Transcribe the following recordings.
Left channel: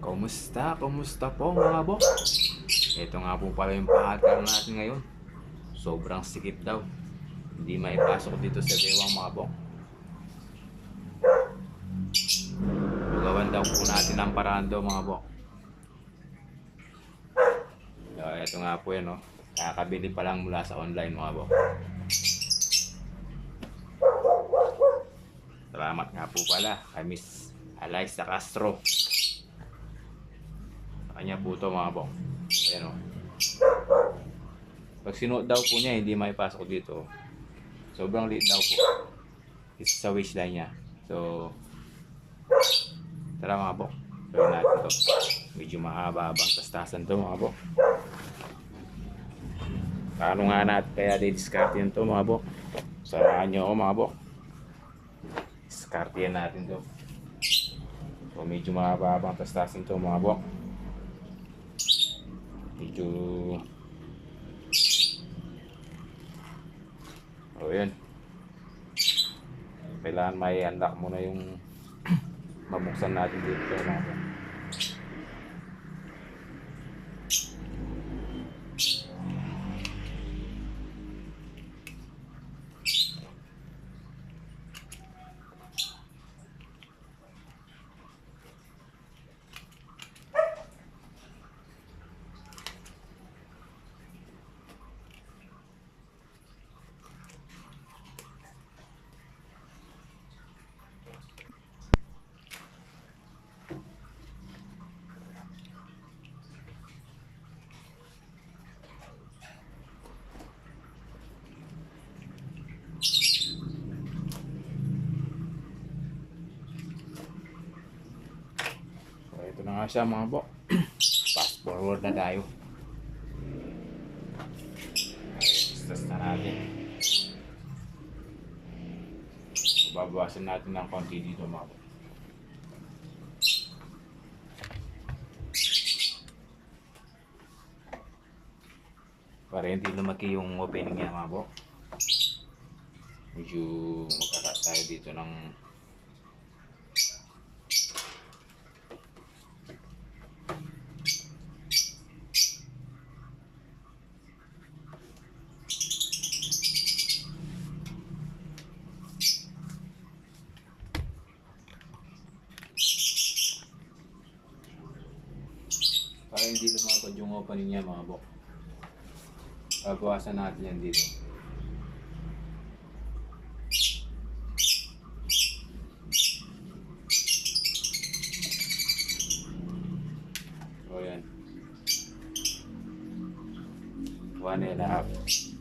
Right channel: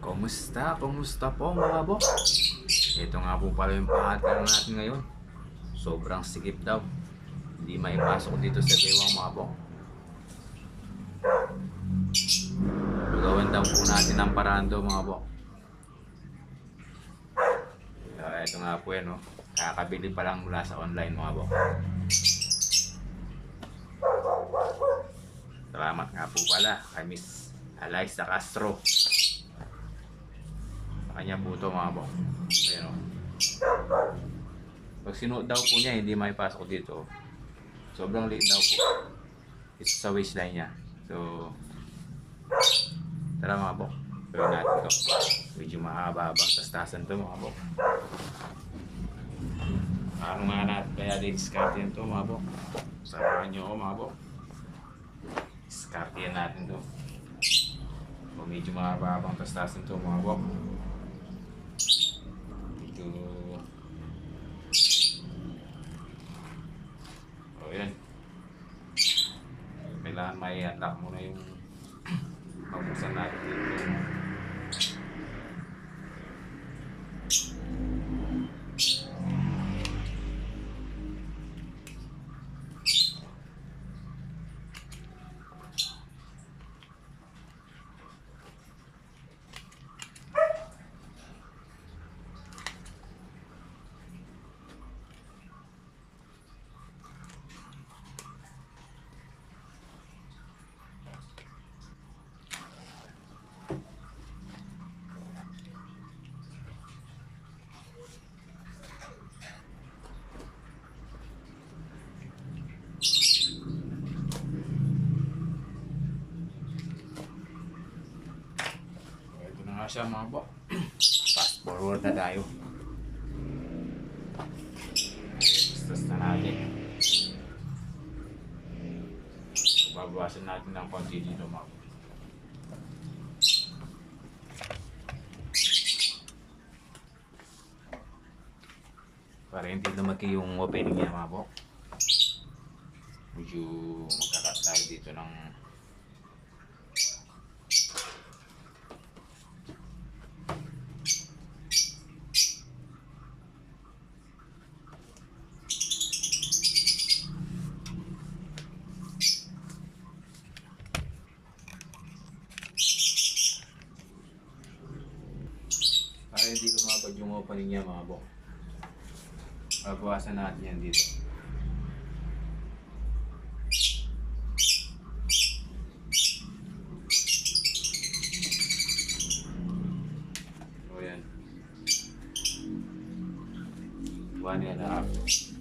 Kumusta? Kumusta po mga bok? Ito nga po pala yung pahataro natin ngayon. Sobrang sikip daw. Hindi maipasok dito sa bewang mga bok. Lugawan daw po natin ang paraan daw mga bok. So, ito nga po yan, no? Kakabili pa lang mula sa online mga bok. Salamat nga po pala kay Miss Alyssa Castro. Sa kanya po ito mga bok. Ayan, o. Pag sinuot daw po niya, hindi maipasok dito. Sobrang liit daw po. Isa sa waistline niya. So, tara mga bok. Gawin natin ito. Medyo mahaba-habang tastasan ito mga bok. Paano nga natin kaya di-discard yun ito mga bok? Samahan nyo ako mga bok. Discard yan natin ito. So, medyo mahaba-habang tastasan ito mga bok. Medyo... O yan. Kailangan may unlock muna yung mabuksan natin dito mga bok. Ito na nga siya mga bok. Fast forward na tayo. Test na natin. So, babawasan natin ng konti dito mga bok. Para hindi lumaki yung opening niya mga bok. Medyo magkakat tayo dito ng para hindi lumabad yung opening niya mga bok. Babawasan natin yan dito. So yan. 1.5.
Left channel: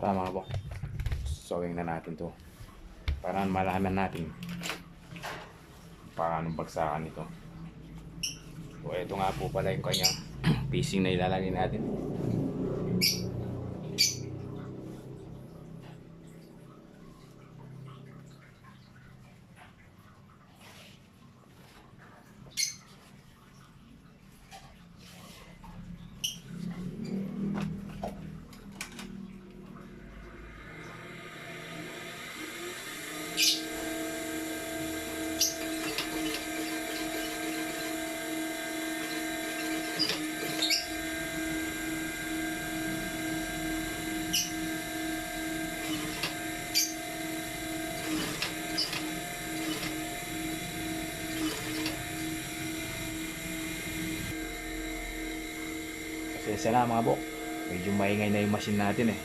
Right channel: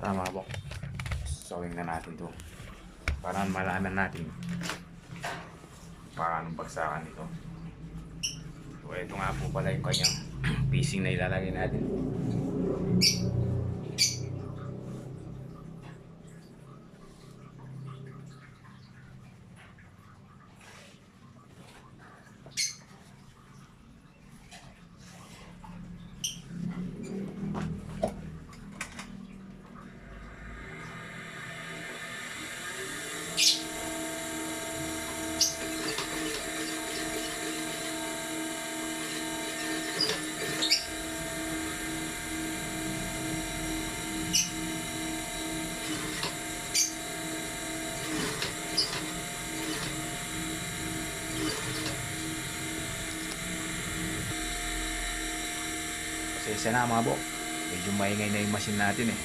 Tara mga bok. Sewing na natin to. Para malaman natin paano bagsakan ito. So ito nga po pala yung kanyang piecing na ilalagay natin. Pasensya na mga bok. Medyo maingay na yung machine natin eh.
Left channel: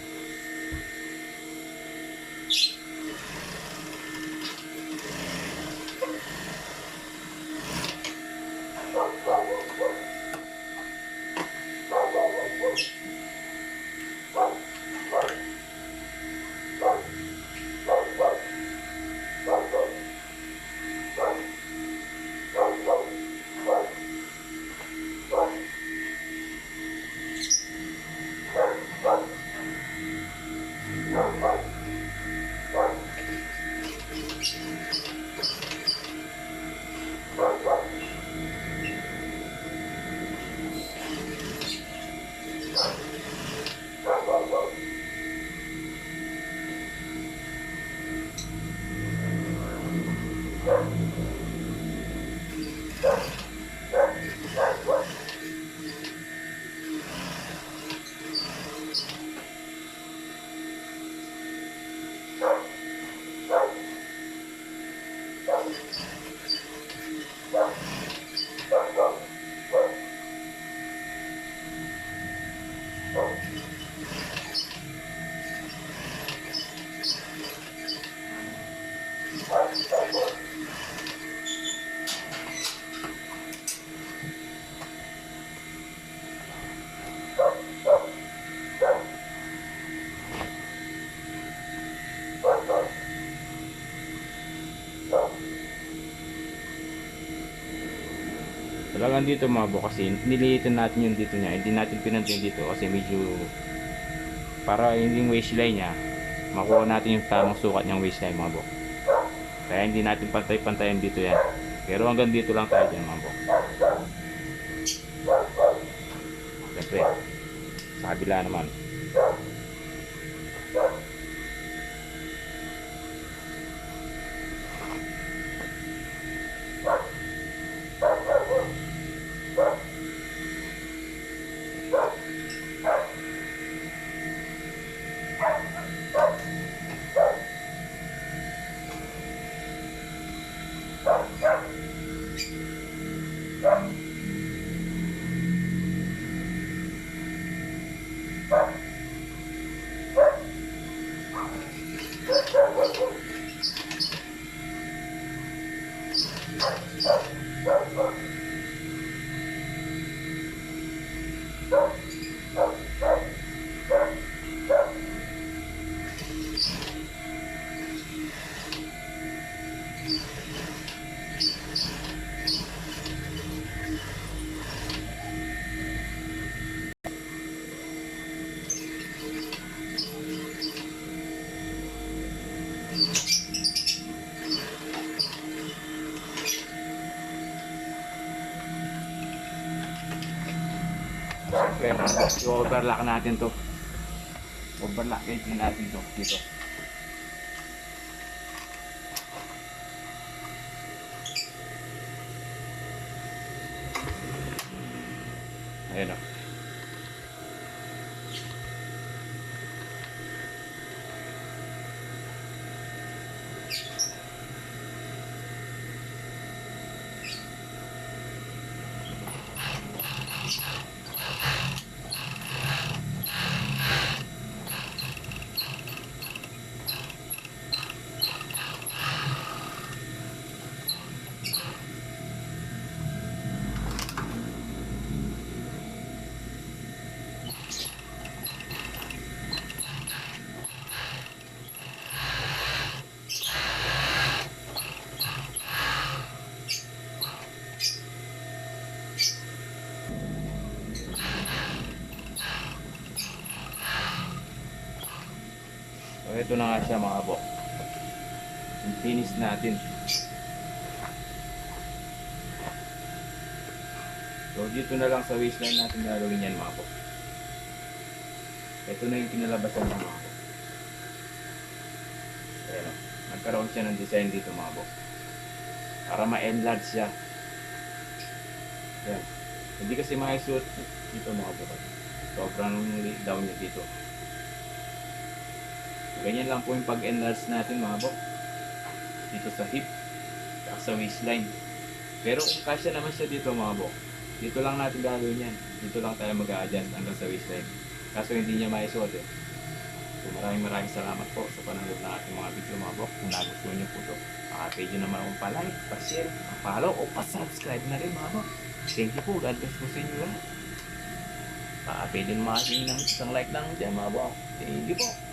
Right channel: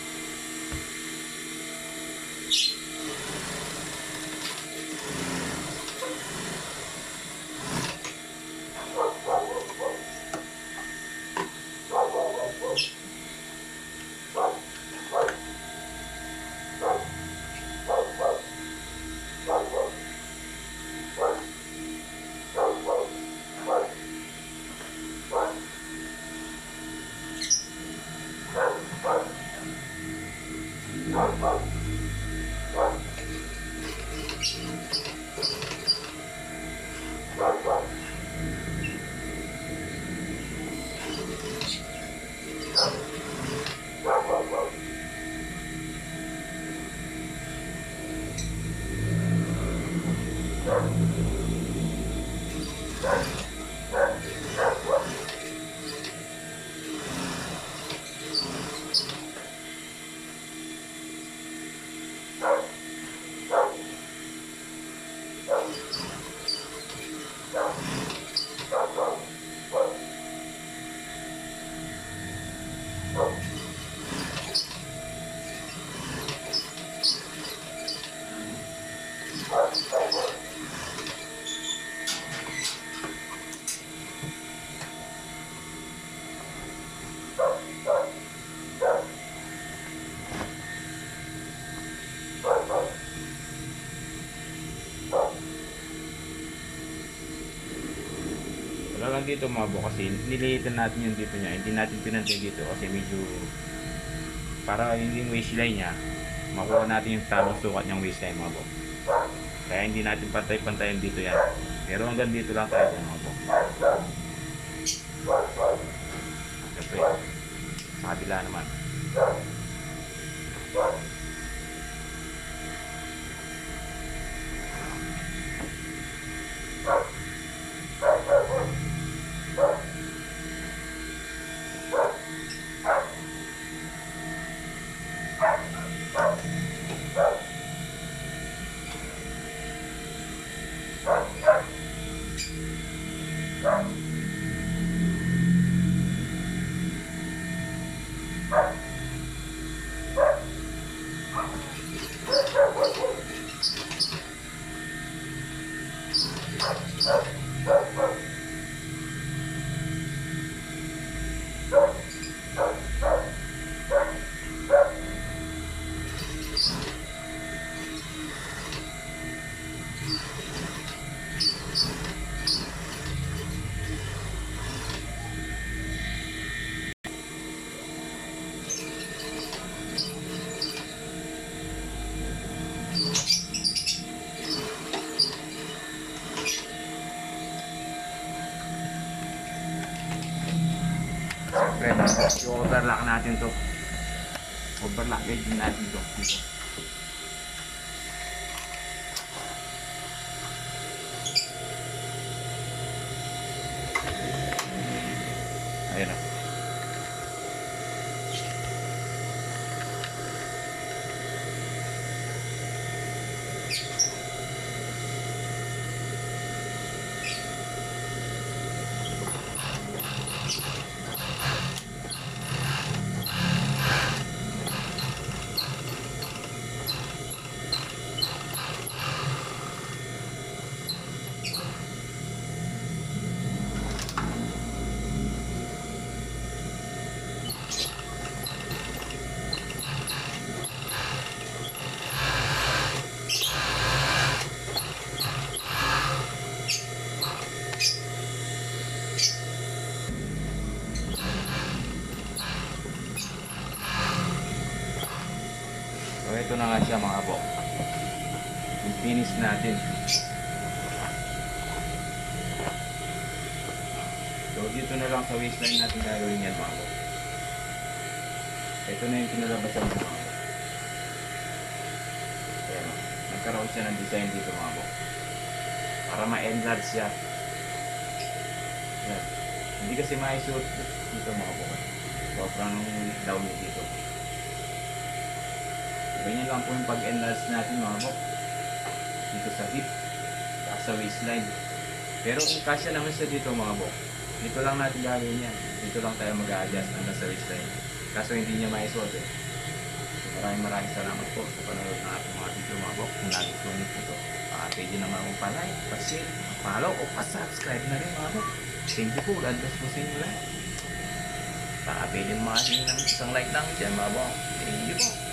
Talagang dito mga bok, kasi nililitan natin yung dito niya. Hindi natin pinantin dito kasi medyo para yung waistline niya makuha natin yung tamang sukat niyang waistline mga bok. Kaya hindi natin pantay-pantayan dito yan. Pero hanggang dito lang tayo dyan mga bok. Siyempre, sa kabila naman. Siyempre, i-overlock natin to. Overlock din natin to dito. Ayun na. So ito na nga siya mga bok. Yung finish natin. So dito na lang sa waistline natin gagawin yan mga bok. Ito na yung pinalabasan ng mga bok. Ayan, nagkaroon siya ng design dito mga bok. Para ma-enlarge siya. Ayan. Hindi kasi maisuot dito mga bok. Sobrang down niya dito. Ganyan lang po yung pag-enlarge natin mga bok. Dito sa hip. Sa waistline. Pero kung kasya naman siya dito mga bok, Dito lang natin gagawin yan. Dito lang tayo mag-a-adjust hanggang sa waistline. Kaso hindi niya maisuot eh. So maraming salamat po sa panonood ng ating mga video mga bok. Kung nagustuhan niyo po ito, pwede naman akong pa-like, pa-share, pa-follow o pa-subscribe na rin mga bok. Thank you po. God bless po sa inyo lahat. Pwede naman ng isang like lang dyan mga bok. Thank you po.